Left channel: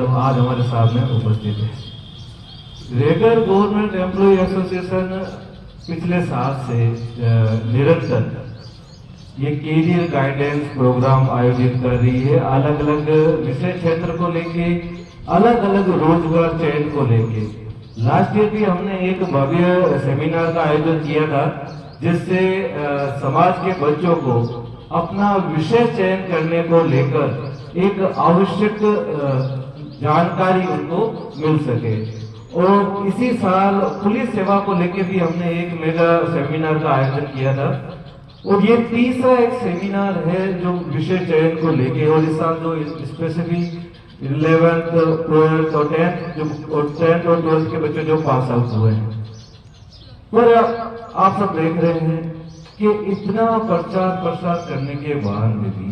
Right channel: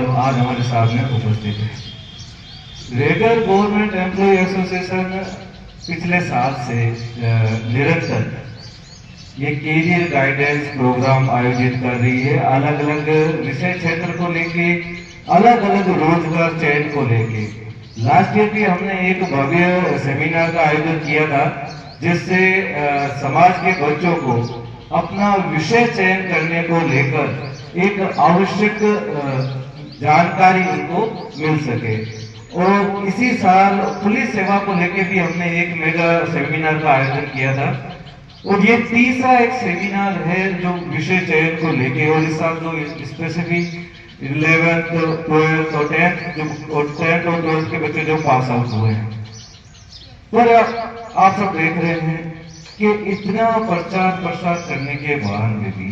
आज हमारे सामने उपस्थित है। रेगुलर गवर्नमेंट एम्प्लॉय एसोसिएशन पिछले साल से निरंतर ये कैरियर गाइडेंस प्रोग्राम आयोजित कर रही है। अलग अलग विषय क्षेत्र को लेके, अलग अलग रोजगार चयन को लेके। लास्ट ईयर भी हमने एक भव्य सेमिनार का आयोजन किया था, जिससे समाज के बच्चों को अपना विषय चयन करने को लेकर एक आवश्यक जानकारी उनको मिल सके। और इसी साल पुलिस सेवा को लेके भी हमने एक मेगा सेमिनार का आयोजन किया था, और ये तीसरा एक सेमिनार है जो विषय चयन को लेके। और इस साल जो स्पेसिफिक 11th, 12th और 10th और 12th के बच्चे जो पास आउट हुए हैं, पर आप सब देख रहे हैं कि इतना प्रचार प्रसार करने के बाद में भी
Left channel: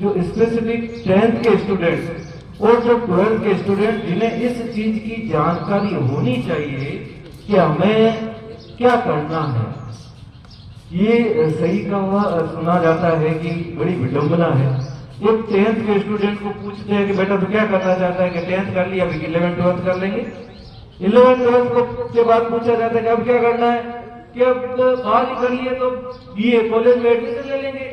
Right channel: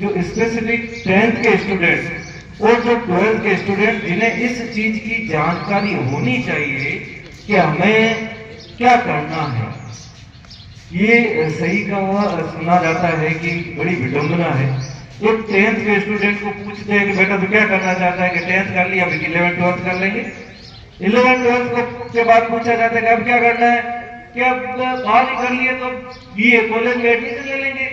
जो स्पेसिफिक 10th के स्टूडेंट और जो 12th के स्टूडेंट, जिन्हें इस चीज की जानकारी होनी चाहिए कि हमें क्या करना है, ये सही कहा सुना जाता है कि बड़ी विडंबना है। एक 10th के स्टूडेंट को पूछते हैं कि बेटा तो क्या करना चाहता है, कि 10th कर लिया, अभी 11th 12th कर लेंगे। 11th 12th के बाद पूछा जाता है कि अब क्या करना है, कि अब बाहर ही कर लिए तो बीए कॉलेज में एडमिशन ले लेंगे,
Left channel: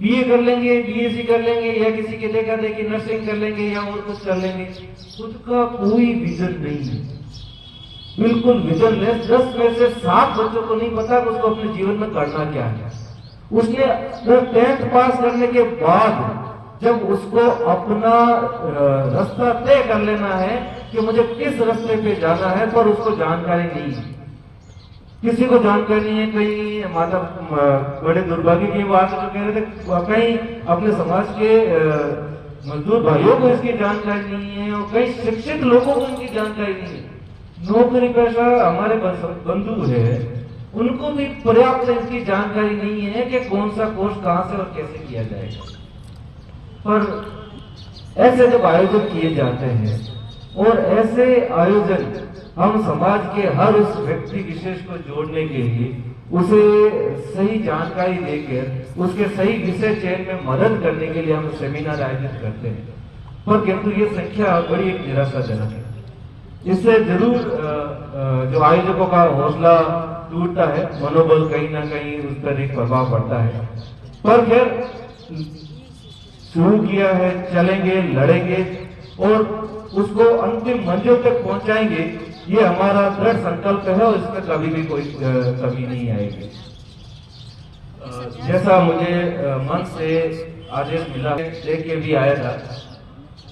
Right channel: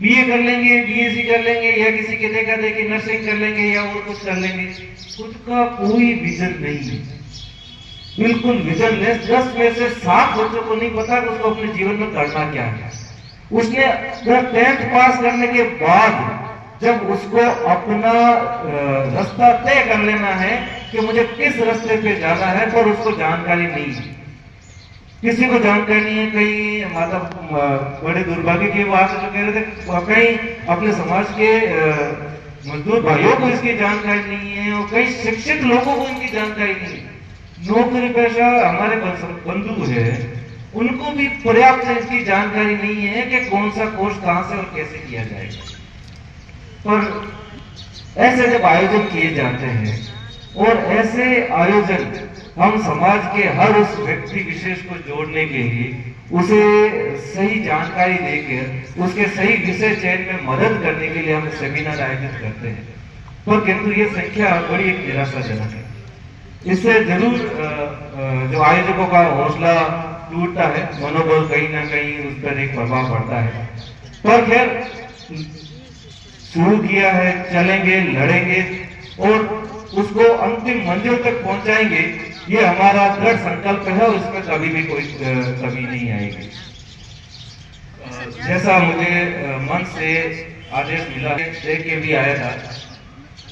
बीए कर लेंगे, बीएससी कर लेंगे, या किसी के देखा देखी नर्सिंग कर लेंगे, या और कुछ कर लेंगे। खुद का कोई विजन नहीं है, बिल्कुल विजनलेस। 10 में से 7 बच्चों को नहीं पता कि उसको अपने जीवन में करना क्या है। उसने 10th पास करने के बाद जब उसको अपना रास्ता तय कर लेना है कि मुझे किस रास्ते पे जाना है, पर उसको जानकारी नहीं है, किसी को जानकारी नहीं है। कई मतलब बड़े दुर्भाग्य की बात है, जो कह रहे थे कई अपने समाज के मजदूर भाइयों को इसकी जानकारी नहीं है, और कई शिक्षित लोगों को इनकी जानकारी नहीं है। नौकरी पेशा हमारे बंधु है, उनको भी पर्याप्त इसकी जानकारी नहीं है कि कौन सा कोर्स कहां से और कैसे किया जाएगा। पर ऐसे जब आयोजन किए जाते हैं, और ऐसे आयोजन हम समाज के हर उस व्यक्ति विशेष को जोड़ने के लिए, उसे सही जानकारी देकर उसके सही विषय चयन में मदद करने के लिए हम सेमिनार आयोजित करते हैं। पर किंतु ये संख्या बड़ी एक निराशाजनक है। इससे जरूर जो आयोजकों का हौसला टूटता है, मनोबल कहीं ना कहीं उस पर एक प्रभाव पड़ता है। पर फिर शुरू किया है, चलेंगे, लड़ेंगे और उसको अंतिम मंजिल तक पहुंचाएंगे, ये हमारा दृढ़ संकल्प है, और इसमें कभी भी कोई कमी नहीं आएगी। जैसा मुझे मन से आदेश मिला है, देख के भी आया था,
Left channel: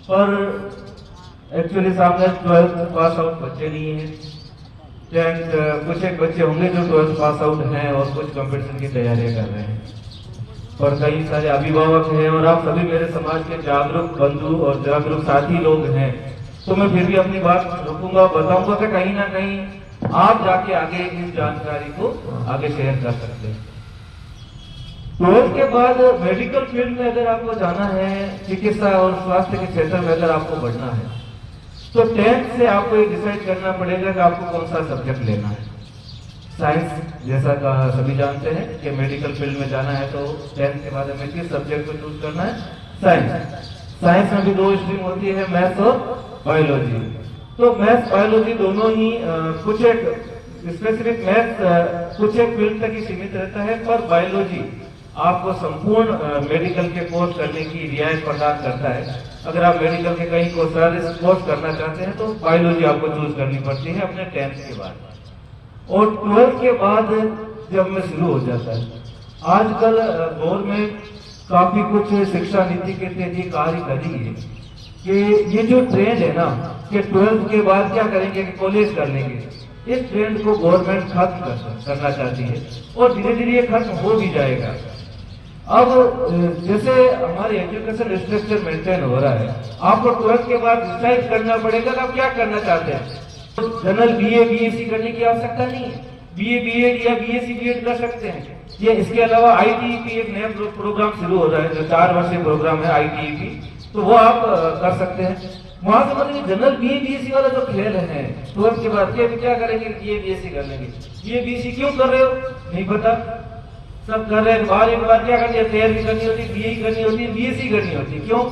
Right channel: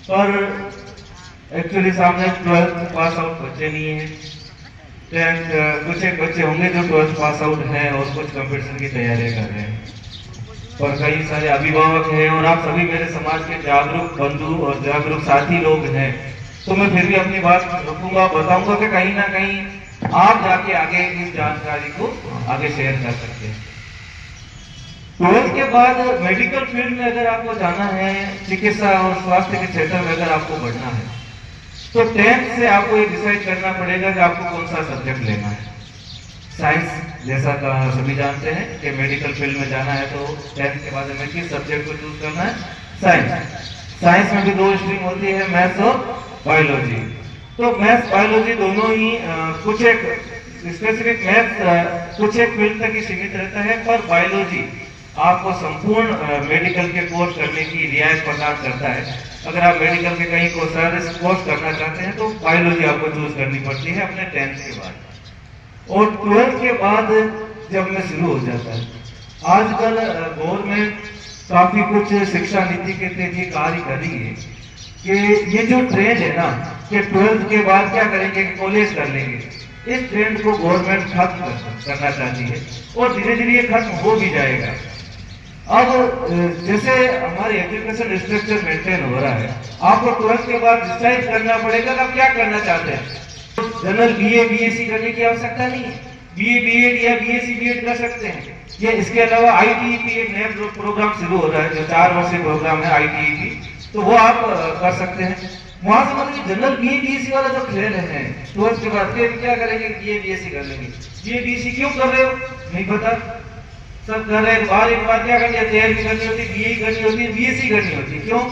पर एक्चुअली सामने 12th पास आउट बच्चे नहीं है। 10th कुछ एक बच्चे होंगे जो 12th पास आउट हैं और कुछ कंपटीशन की तैयारियां कर रहे हैं, और कई सारे अभिभावक हैं, और आप सभी मेरे समाज के जागरूक बंधु और जागरूक साथी लोग हैं। तो मैं फिर भी अपनी बात रखूंगा, बताऊंगा कि कहीं ना कहीं आप जाके आगे इस जानकारी को आगे शेयर कर सकते हैं। 12th के बाद मेडिकल फील्ड में अगर आपको जाना है, चिकित्सा और स्वास्थ्य के क्षेत्र में अगर आपको बढ़ना है, तो 10th से आपको ये डिसाइड करना पड़ेगा कि आपको कौन सा सब्जेक्ट लेना है। साइंस, जैसा सभी जानते हैं कि मेडिकल फील्ड में जाना है तो 10th के बाद हमें किस सब्जेक्ट को चूज करना है, साइंस। साइंस में भी 2 स्ट्रीम होती है, मैथ्स और बायोलॉजी। तो मैथ्स बायोलॉजी दोनों ही कुछ एक स्पेसिफिक मैथ्स कुछ एक फील्ड तक ही सीमित रहता है, पर बायोलॉजी आपको संपूर्ण मेडिकल के कोर्स करने की रियायत प्रदान करता है। अगर आप मेडिकल के कहीं कोर्स करना चाहते हैं तो बायोलॉजी आपको चूज करनी पड़ती है अपने 10th के बाद। और 12th के बाद जब में शुरू हो जाता है, आजकल गवर्नमेंट काफी कुछ शिक्षा नीति के तहत कार्य कर रही है कि ये जो ट्रेंड है ना कि 12th के बाद क्या करेंगे, कॉलेज कर लेंगे, इस ट्रेंड को गवर्नमेंट खत्म करना चाहती है, और धीरे धीरे ये खत्म हो भी जाएगा। अब जैसे हमारे एजुकेशन स्ट्रक्चर मेंटेन हो रहा है, आपको 12th के बाद डिसाइड करना पड़ेगा कि आप क्या करना चाहते हैं। जनरल बीए बीएससी करने की आवश्यकता नहीं है, बीए बीएड या बीएससी बीएड कर सकते हैं। ये इसके अलावा आईटीईपी एक नया प्रोग्राम शुरू हो रहा है, जो 4 वर्षीय प्रोग्राम है आईटीईपी, तो वो आप कर सकते हैं। वहां से मतलब जनरल बीए बीएससी वाला जो खेल है, 12th के बाद क्या करेंगे, बीए बीएससी कर लेंगे। बीए बीएससी क्यों कर रहे हो नहीं पता, सब कर रहे हैं। बार एक बार क्या करनी है, तैयारी करनी होती है, बीए करनी होती है, बीएससी करनी होती है। क्यों?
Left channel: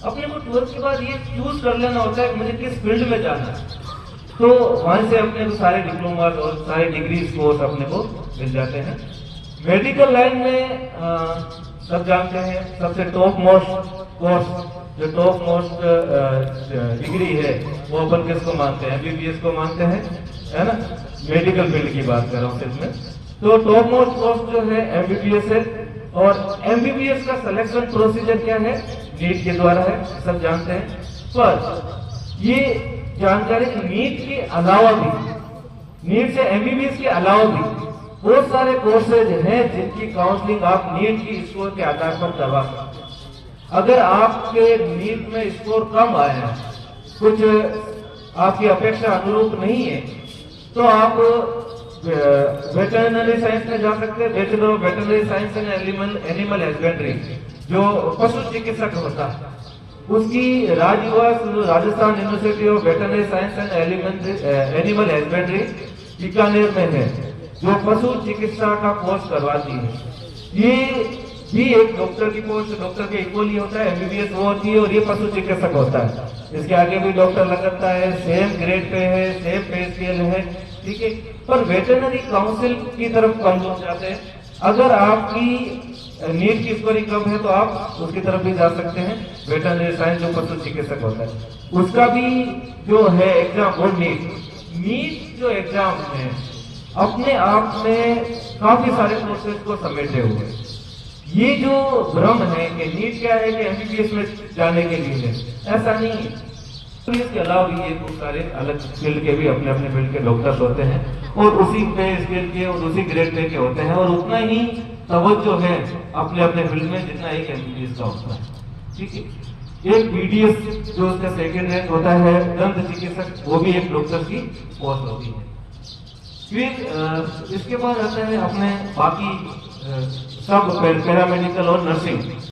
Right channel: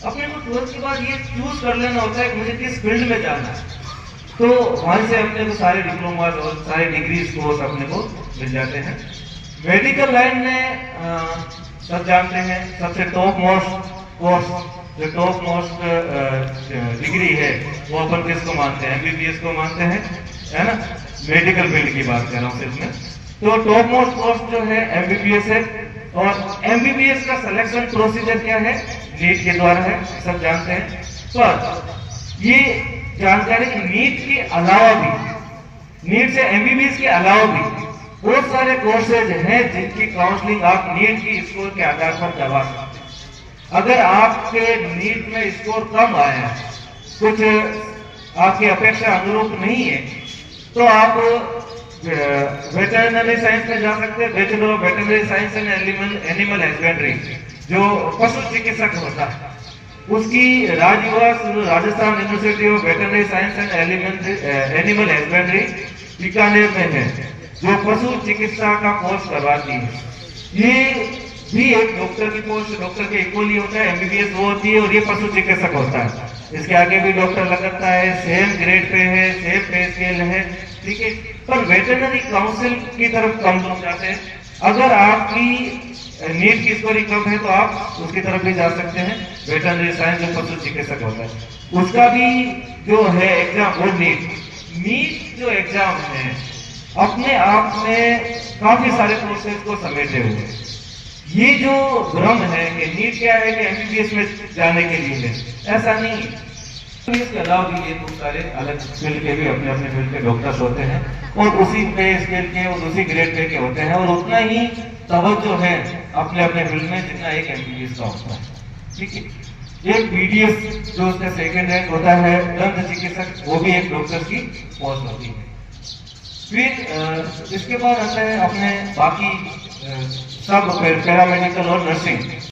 अपने को 12th के बाद ये चूज कर लेना होता है कि मुझे किस फील्ड में जाना है। तो वहां से अपने को सारे डिप्लोमा और सारे डिग्रीज कोर्स अपने को मिल जाते हैं। मेडिकल लाइन में सब जानते हैं सबसे टॉप मोस्ट कोर्स, जो टॉप मोस्ट डिग्री है वो अपन किसको मानते हैं? एमबीबीएस को मानते हैं, है ना। मेडिकल फील्ड की बात कर रहा हूँ सिर्फ मैं। तो टॉप मोस्ट कोर्स जो है एमबीबीएस है, और एमबीबीएस का सिलेक्शन प्रोसीजर क्या है? नीट के द्वारा है, सब जानते हैं। पर ये जानकारी नीट के अलावा भी, नीट से एमबीबीएस के अलावा भी बहुत सारे कोर्सेज हैं जिनकी काउंसलिंग आप नीट की स्कोर के आधार पर करवा सकते हैं। अगर आपके नीट में स्कोर कम आया है, कुछ आपकी अपेक्षा अनुरूप नहीं है, तो आप वेटरनरी साइंस में जा सकते हैं। Bachelor of veterinary science and animal husbandry, जो पशु चिकित्सक होता है, उसकी राजनिवास Rajasthan university of veterinary science and animal husbandry Bikaner में है, जो पशु चिकित्सा का कोर्स करवाती है। ये भी एक डॉक्टर की पोस्ट, डॉक्टर के इक्वली होता है। एमबीबीएस वो होती है और ये पशु चिकित्सक होता है। इसके आगे भी डॉक्टर लगता है, सेम ग्रेड पे है, सेम पे स्केल है, ठीक है। पर वेटरनरी काउंसिल की तरफ कम लोग जाते हैं। अगर आपकी नीट की स्कोरिंग कम है तो आप उसकी तरफ भी जा सकते हैं। वेटरनरी साइंस जो पशु चिकित्सक होता है उसका भी जो है एग्जाम, वो नीट जो एग्जाम है अपने आप में काफी सारे कोर्सेज को समेटे हुए। ये जो भ्रम है कि नीट क्या है कि एमबीबीएस में जाने के लिए है, ऐसा नहीं है। इसके अलावा भी ये बहुत सारे अलग फील्ड के भी अपने अपने फील्ड के डॉक्टर्स होते हैं, और उसी पे स्केल के और उसी ग्रेड पे के होते हैं, और उतना ही तवज्जो है अपने अपने फील्ड में जितना एक एमबीबीएस का होता है, ठीक है। एक बीडीएस जो उसका सेकंड रैंक होता है, दंत चिकित्सक, वो भी एक डॉक्टर की पोस्ट होती है। फिर इसके बाद आते हैं अपने बाकी सब पैरामेडिकल और नर्सिंग।